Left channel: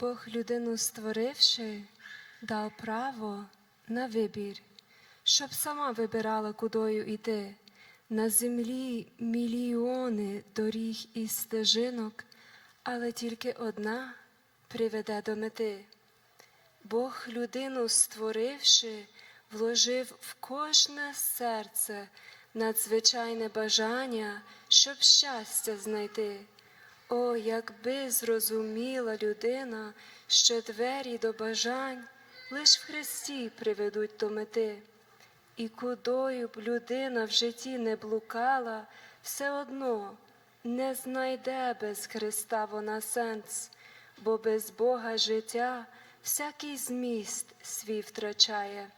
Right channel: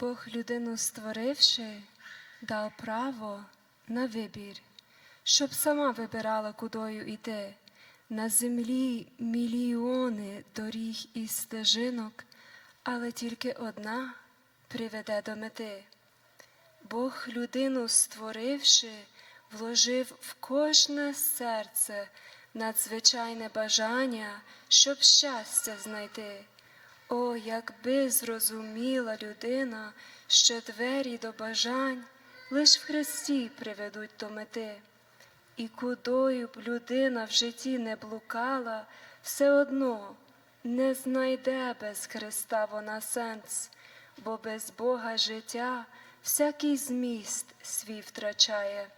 Бог людину створивши, дав право на вибір, щоб сама вибирала, кудою йти. На землі мільйони доріг і стежинок, але тільки одна приведе до мети. Бог людину створивши, вложив в кожне серце надзвичайне бажання, щоб щастя знайти. О, якби зрозуміла людина, що двері до бажань лиш в Христі приведуть до мети. І кудою б людина в житті не блукала, все одно не знайде без Христа вона сенс, бо без Бога життя всякий зміст свій втрачає,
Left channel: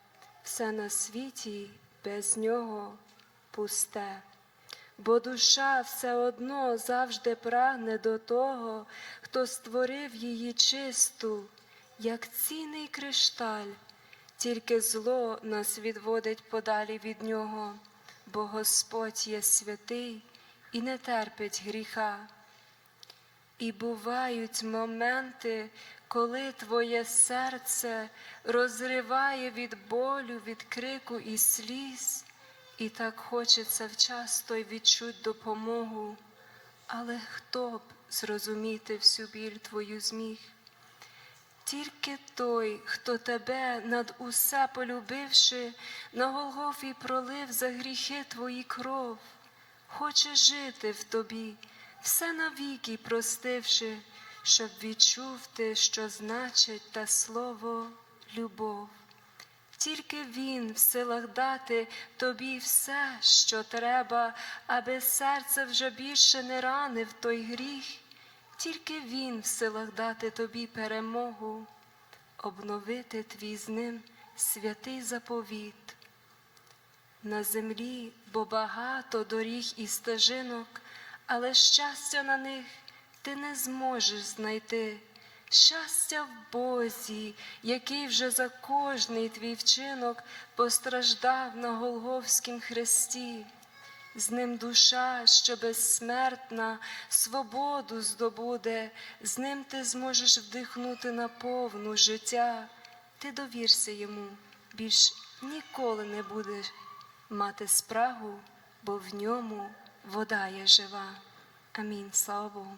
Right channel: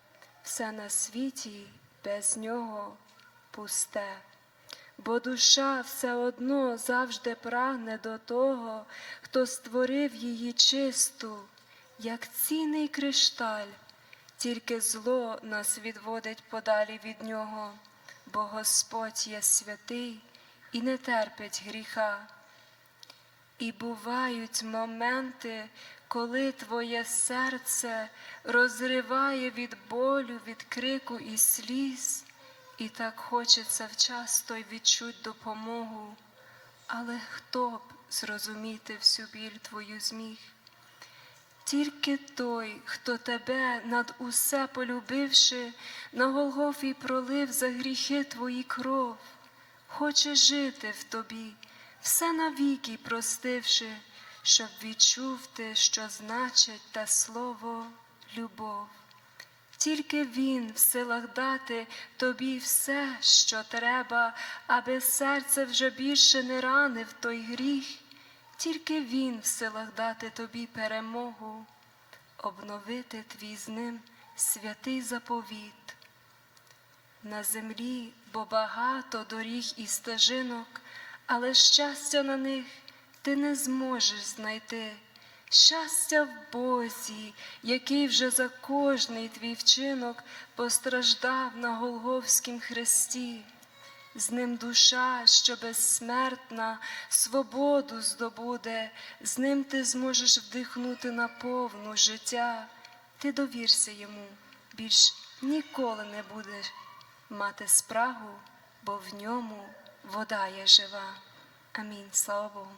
все на світі без нього пусте. Бо душа все одно завжди прагне до того, хто створив її чисту, як цінний кришталь, тільки зло нас відводить подалі від нього, бо Господь є святий і не терпить гріха. І бувають моменти, коли твоє серце розриває від болю, від крику і сліз, і так хочеться вчасно й відчуть допомогу. Але хто б зрозуміти всю біль твою зміг? Тільки той, хто тебе над усе полюбивши, на Голгофі пролив за гріхи твої кров, хоче жити в тобі, все навіки простивши, щоб відчув ти, що значить те слово любов. Тільки Він в силах дати тобі все, що треба, аби серце вже більше не ранив той гріх, тільки Він в силах дати тобі перемогу, обновити твій з ним святий заповіт. На землі, бо багато доріг і стежинок, але щастя на них ти не зможеш знайти. Щастя в Бозі, який вже за кожний твій вчинок постраждав на Голговськім хресті. З ним душа, що безсмертна, свободу здобуде, з ним ти зможеш вдихнути на повну життя. Ти довірся йому, більш ніколи не будеш мати спрагу, бо в ньому вода є жива. Амінь. Слава Богу.